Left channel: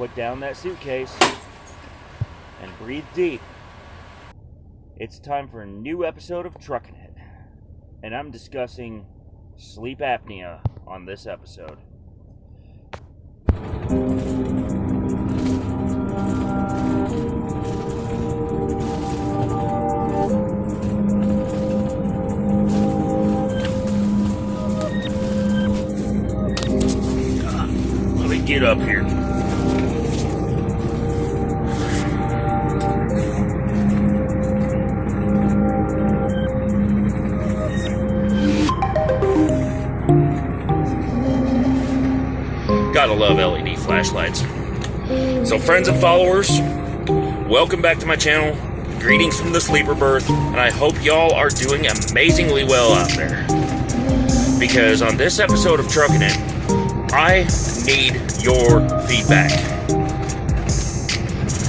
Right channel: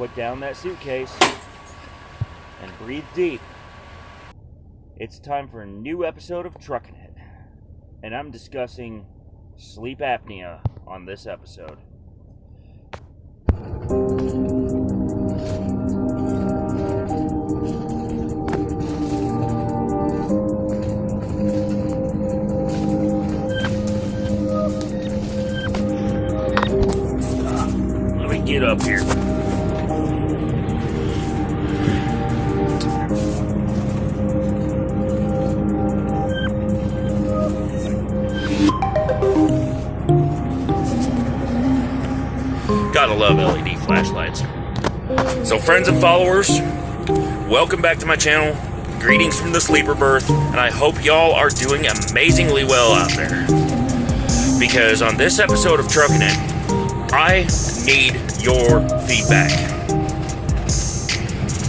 put down that suitcase and breathe deep. It's time for a new episode of Truckin It, and I'm discussing sleep apnea on this episode. Let me get up here. Gotta love LED flashlights. So friends and followers, welcome back to my channel. Greetings from the sleeper berth, and I hope y'all are doing amazingly well out there. Because on this episode of Truckin It, I need your feedback.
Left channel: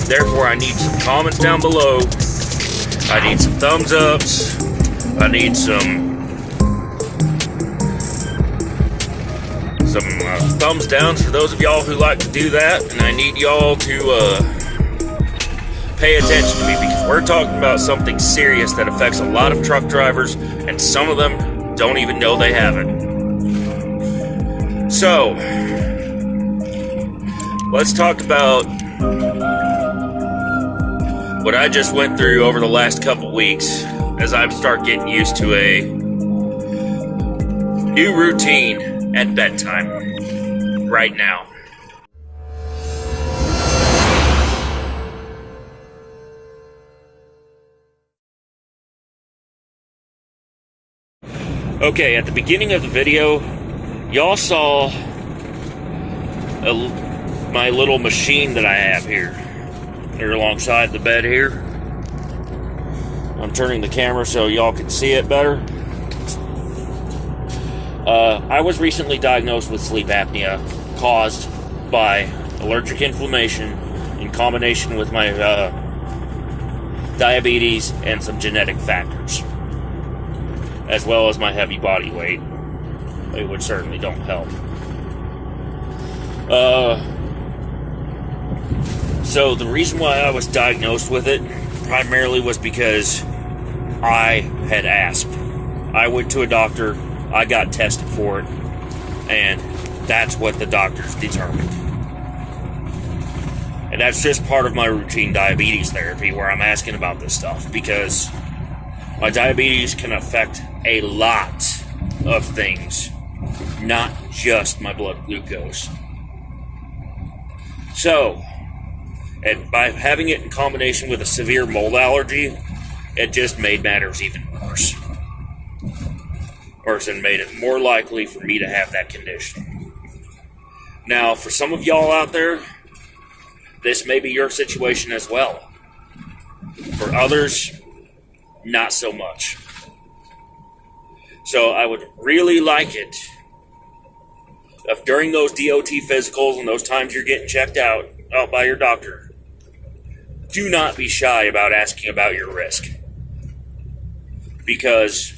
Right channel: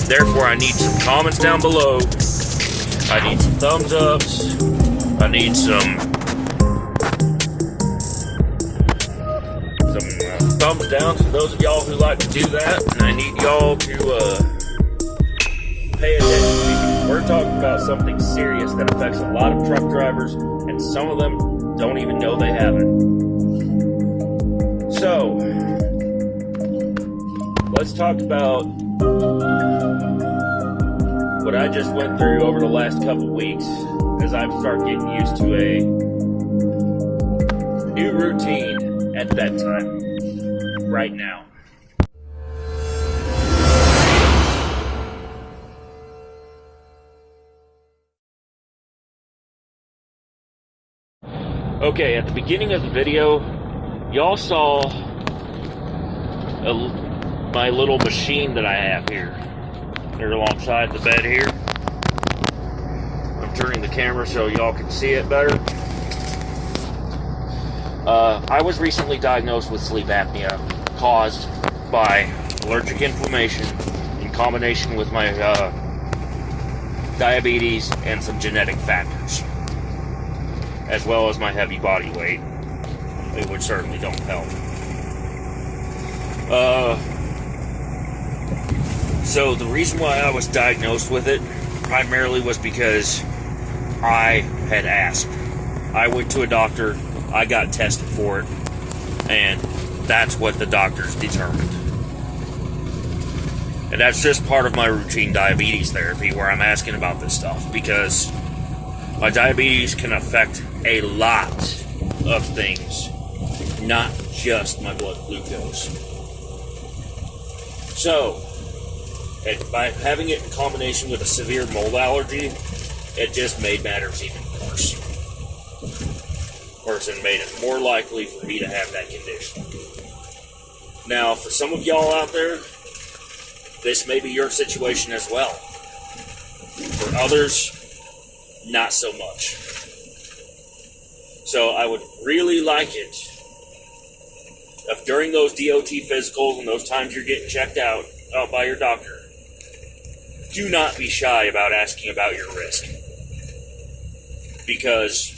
Therefore, I need some comments down below. I need some thumbs ups. I need some thumbs down for those of y'all who like to do that, and I need y'all to pay attention to me because we're talking about something serious that affects a lot of truck drivers, and some of them don't even know they have it. So, let's talk about what I just went through over the last couple weeks as I start getting used to a new routine at bedtime. Right now. Okay, at the beginning of the video, y'all saw my little machine that I have here. They're alongside the bed here. I'm turning the camera so y'all can see it better. I was recently diagnosed with sleep apnea caused by allergic inflammation in combination with my diabetes and some genetic factors, as well as my heavy body weight, which certainly don't help. So the reason why I was diagnosed with it primarily was because I had asked. I went to a doctor, I got tested for it, and that's what the doctors determined. And that's just part of my routine diabetes therapy where I'm asking about this stuff, because my diabetes can affect a lot of things, not just my blood glucose. So, and by having it in combination with a severe mold allergy, it just made matters even worse. Person made it more likely for me to have that condition. Now, for some of y'all out there, this may be your situation as well. For others, not so much. So I would really like it if during those DOT physicals and those times you're getting checked out by your doctor, do not be shy about asking about your risk. Because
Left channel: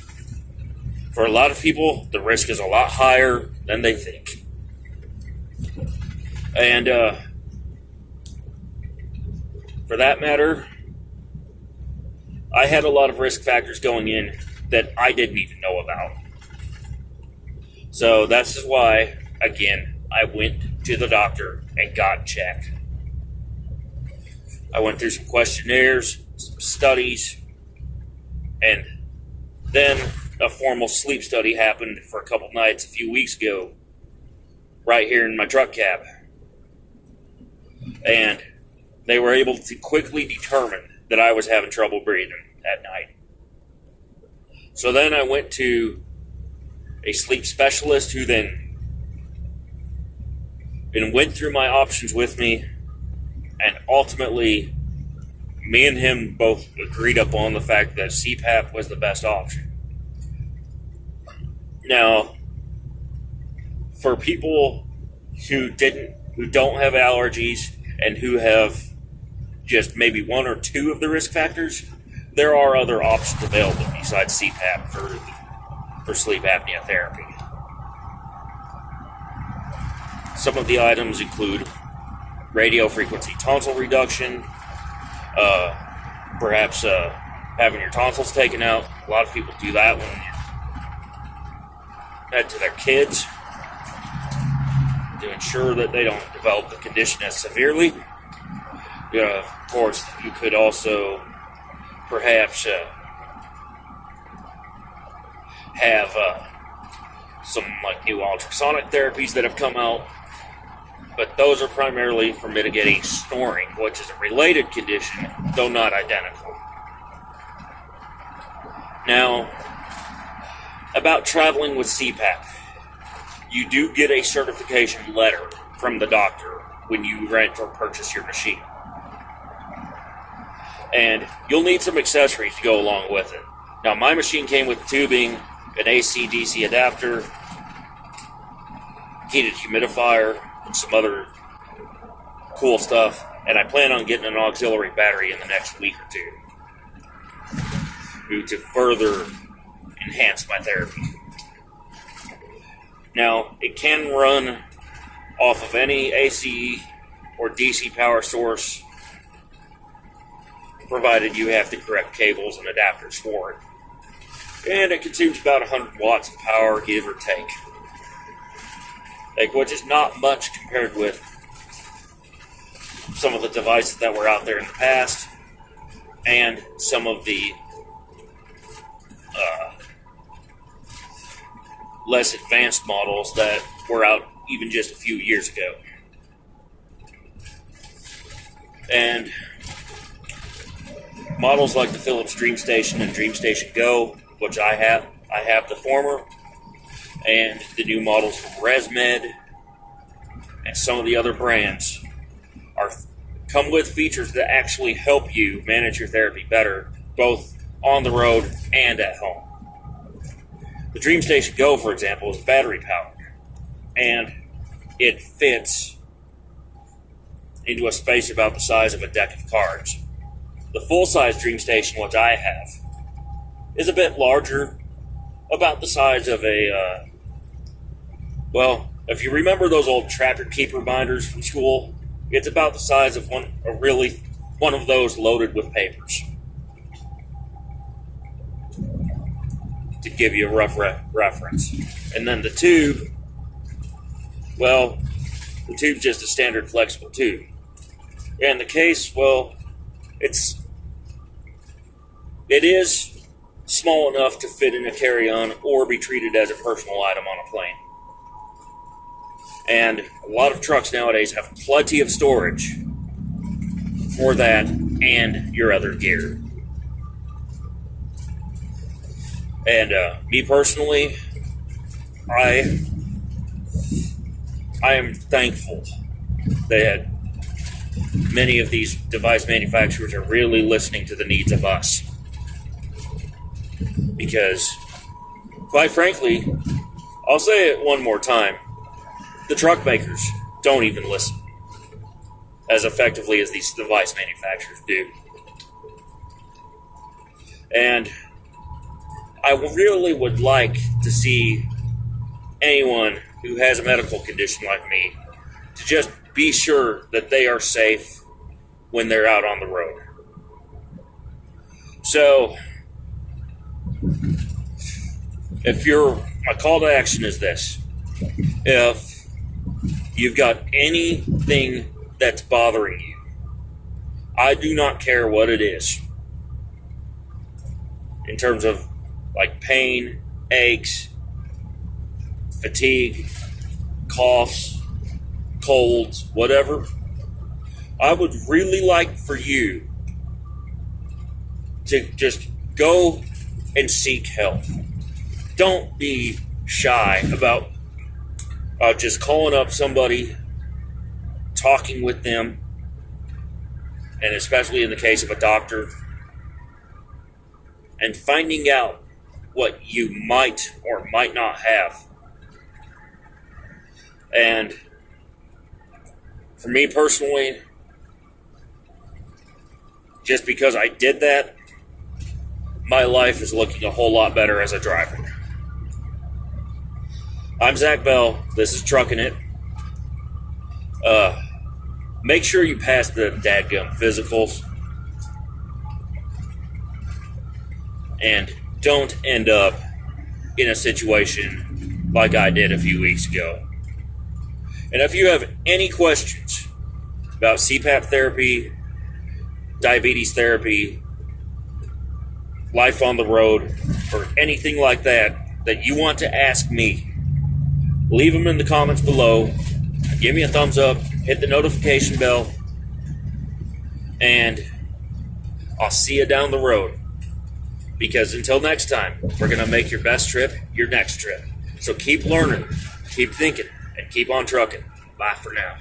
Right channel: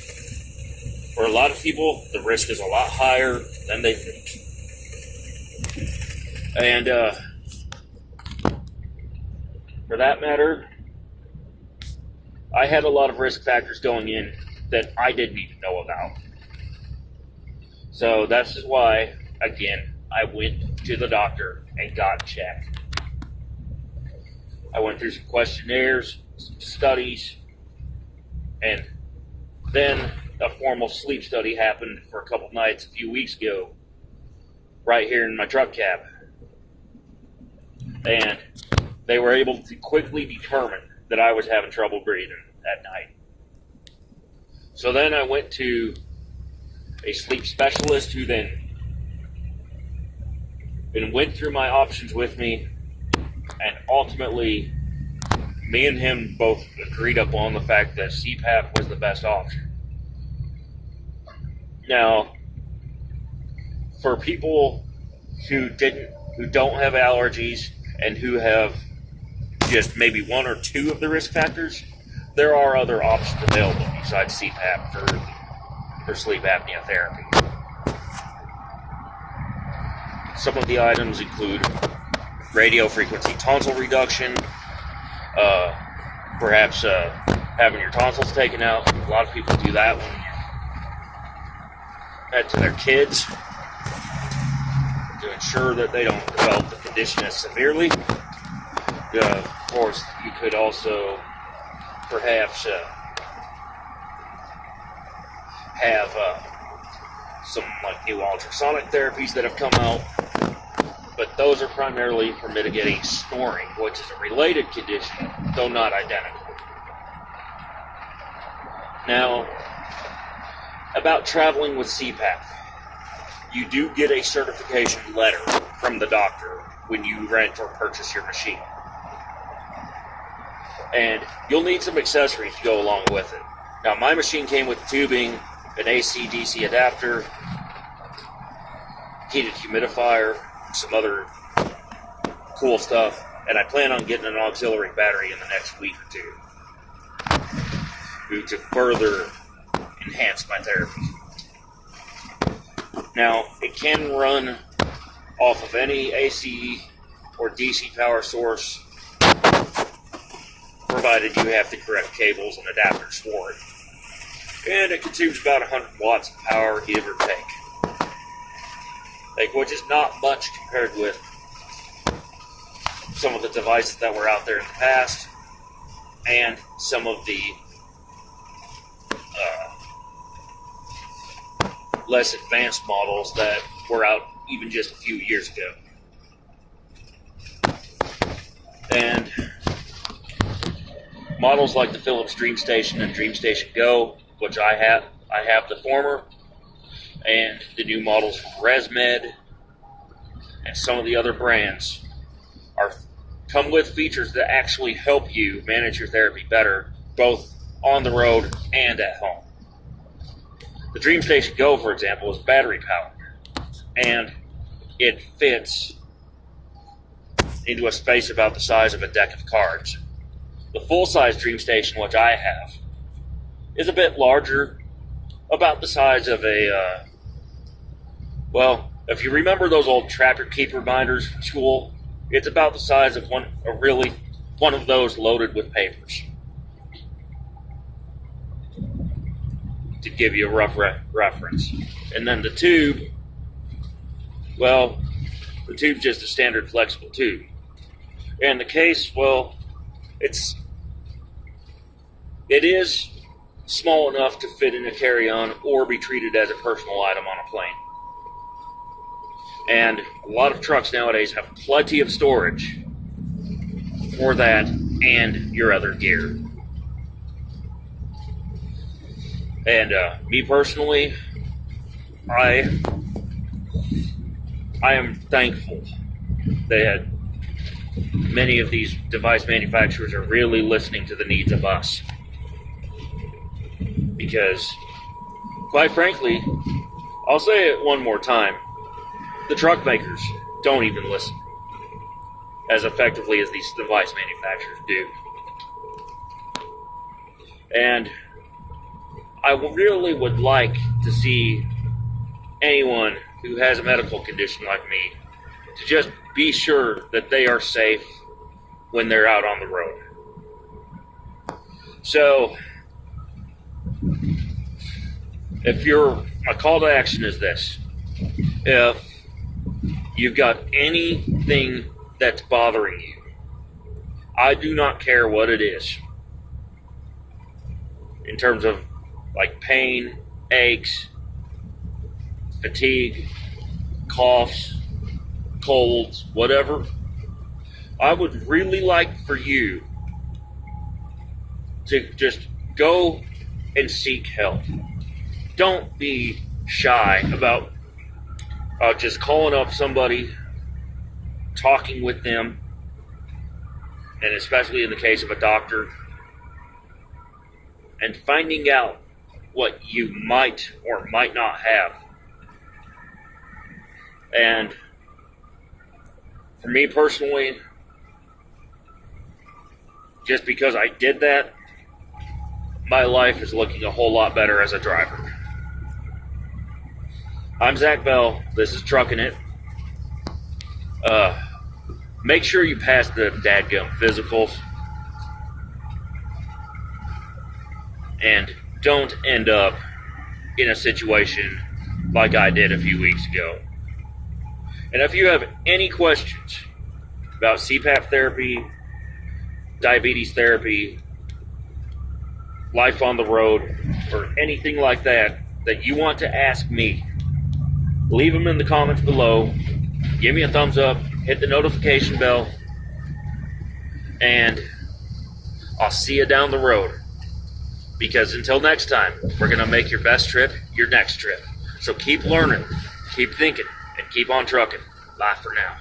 for a lot of people, the risk is a lot higher than they think. And for that matter, I had a lot of risk factors going in that I didn't even know about. So that's why, again, I went to the doctor and got checked. I went through some questionnaires, some studies, and then a formal sleep study happened for a couple nights a few weeks ago, right here in my truck cab. And they were able to quickly determine that I was having trouble breathing at night. So then I went to a sleep specialist who then went through my options with me, and ultimately me and him both agreed upon the fact that CPAP was the best option. Now, for people who don't have allergies and who have just maybe one or two of the risk factors, there are other options available besides CPAP for sleep apnea therapy. Some of the items include radio frequency tonsil reduction, perhaps having your tonsils taken out. A lot of people do that when you head to their kids to ensure that they don't develop the condition as severely. Of course, you could also perhaps have some like new ultrasonic therapies that have come out, but those are primarily for mitigating snoring, which is a related condition, though not identical. Now, about traveling with CPAP, you do get a certification letter from the doctor when you rent or purchase your machine. And you'll need some accessories to go along with it. Now, my machine came with tubing, an AC-DC adapter, heated humidifier, and some other cool stuff. And I plan on getting an auxiliary battery in the next week or two to further enhance my therapy. Now, it can run off of any AC or DC power source, provided you have the correct cables and adapters for it. And it consumes about 100 watts of power, give or take. Which is not much compared with some of the devices that were out there in the past, and some of the less advanced models that were out even just a few years ago. And models like the Philips DreamStation and DreamStation Go, which I have the former, and the new models from ResMed and some of the other brands come with features that actually help you manage your therapy better, both on the road and at home. The DreamStation Go, for example, is battery powered, and it fits into a space about the size of a deck of cards. The full-size DreamStation, which I have, is a bit larger, about the size of a, if you remember those old Trapper Keeper binders from school, it's about the size of one of those loaded with papers. To give you a rough reference. And then the tube, the tube's just a standard flexible tube. And the case, it is small enough to fit in a carry-on or be treated as a personal item on a plane. And a lot of trucks nowadays have plenty of storage for that and your other gear. And me personally, I am thankful that many of these device manufacturers are really listening to the needs of us. Because, quite frankly, I'll say it one more time, the truck makers don't even listen as effectively as these device manufacturers do. And I really would like to see anyone who has a medical condition like me to just be sure that they are safe when they're out on the road. So, my call to action is this. If you've got anything that's bothering you, I do not care what it is, in terms of like pain, aches, fatigue, coughs, colds, whatever, I would really like for you to just go and seek help. Don't be shy about just calling up somebody, talking with them, and especially in the case of a doctor, and finding out what you might or might not have. And for me personally, just because I did that, my life is looking a whole lot better as a driver. I'm Zach Bell. This is Truckin It. make sure you pass the dadgum physicals. And don't end up in a situation like I did a few weeks ago. And if you have any questions about CPAP therapy, diabetes therapy, life on the road, or anything like that you want to ask me, leave them in the comments below. Give me a thumbs up, hit the notification bell, and I'll see you down the road. Because until next time, we're going to make your best trip your next trip. So keep learning, keep thinking, and keep on trucking. Bye for now.